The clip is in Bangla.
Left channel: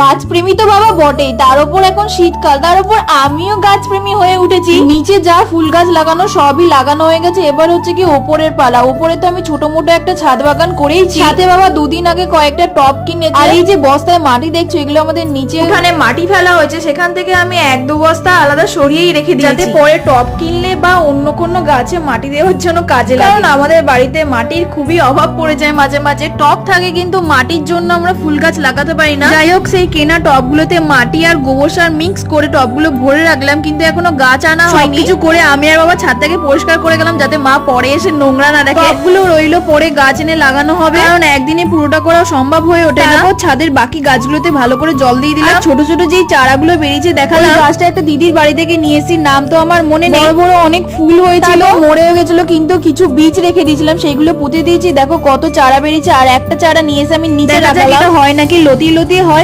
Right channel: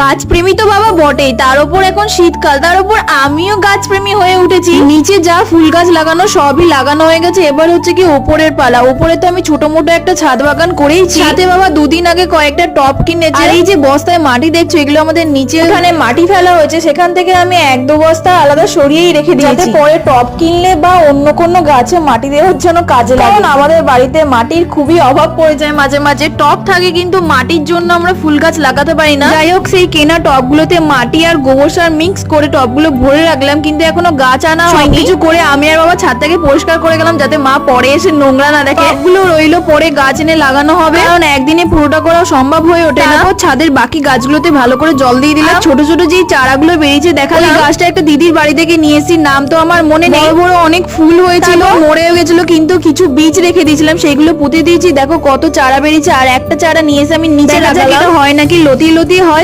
গাছ প্রেমী তো বাবা বটেই, তার উপর এখন শীতকাল, তার উপর আমিও গাছ প্রেমী হয়ে উঠেছি। নিচে যা ফুল গাছ লাগানো সবই লাগানো হয়ে গেছে, এবার হচ্ছে কি ওপরের পালা। ওপরে তো আমি ছোট মোটো একটা ছাদ বাগান করেইছি, সাথে বাবা দুদিন আগে কয়েকটা টব কিনেছে। আর এই যে বস্তায় মাটি দেখছো, এগুলো আমাদের নিচে ওখানে মাটি ফেলা হয়েছে, সেখান থেকে আমি 1-2 বস্তা আলাদা সরিয়েই রেখে দিয়েছি, যাতে পরে টব কিনলে বা অন্য কোনো গাছে মাটি দেওয়ার জন্য কাজে লাগে। কারণ আমাদের বাড়িতে মাটির খুবই অভাব পড়ে যায় মাঝে মাঝে। টব থাকে কিন্তু মাটির জন্য আমরা ফুল গাছ লাগাতে পারি না। যাই হোক, সেই কেনা টবগুলোতে মাটি আর গোবর সার মিক্স করে টবগুলো ভরে রাখলাম, কিন্তু এখনো গাছ আনা হয়নি। কিছু করে আমি আর বাবা ছাদটাকে পরিষ্কার করে গেলাম, যাতে মা পরে এসে নোংরা না দেখে। টবগুলো রইলো, পরে গাছ এনে লাগানো হবে, কারণ একদিনে পুরোটা করা সম্ভব হয়ে ওঠে না। তারপর ছাদের বাকি গাছগুলোতে ভালো করে জল দিয়ে দিলাম। ছোট ছোট যেই চারাগুলো বেরিয়েছে দেখালে, গাছটা একটা দিদির বাড়ি থেকে নিয়ে এসেছি, নাম তো আমার মনে নেই। বড় বড় অনেক ফুল হয়েছিল, মরে গেছিল, কিন্তু কিছু বীজ রেখে দিয়েছিলাম, সেগুলো পুঁতে দিয়েছি। দেখো কত চারা বেরিয়েছে। আর একটা চারা নিয়ে এসে আমি নিচে রাখলাম, হয় নাকি লতি লতি হয়,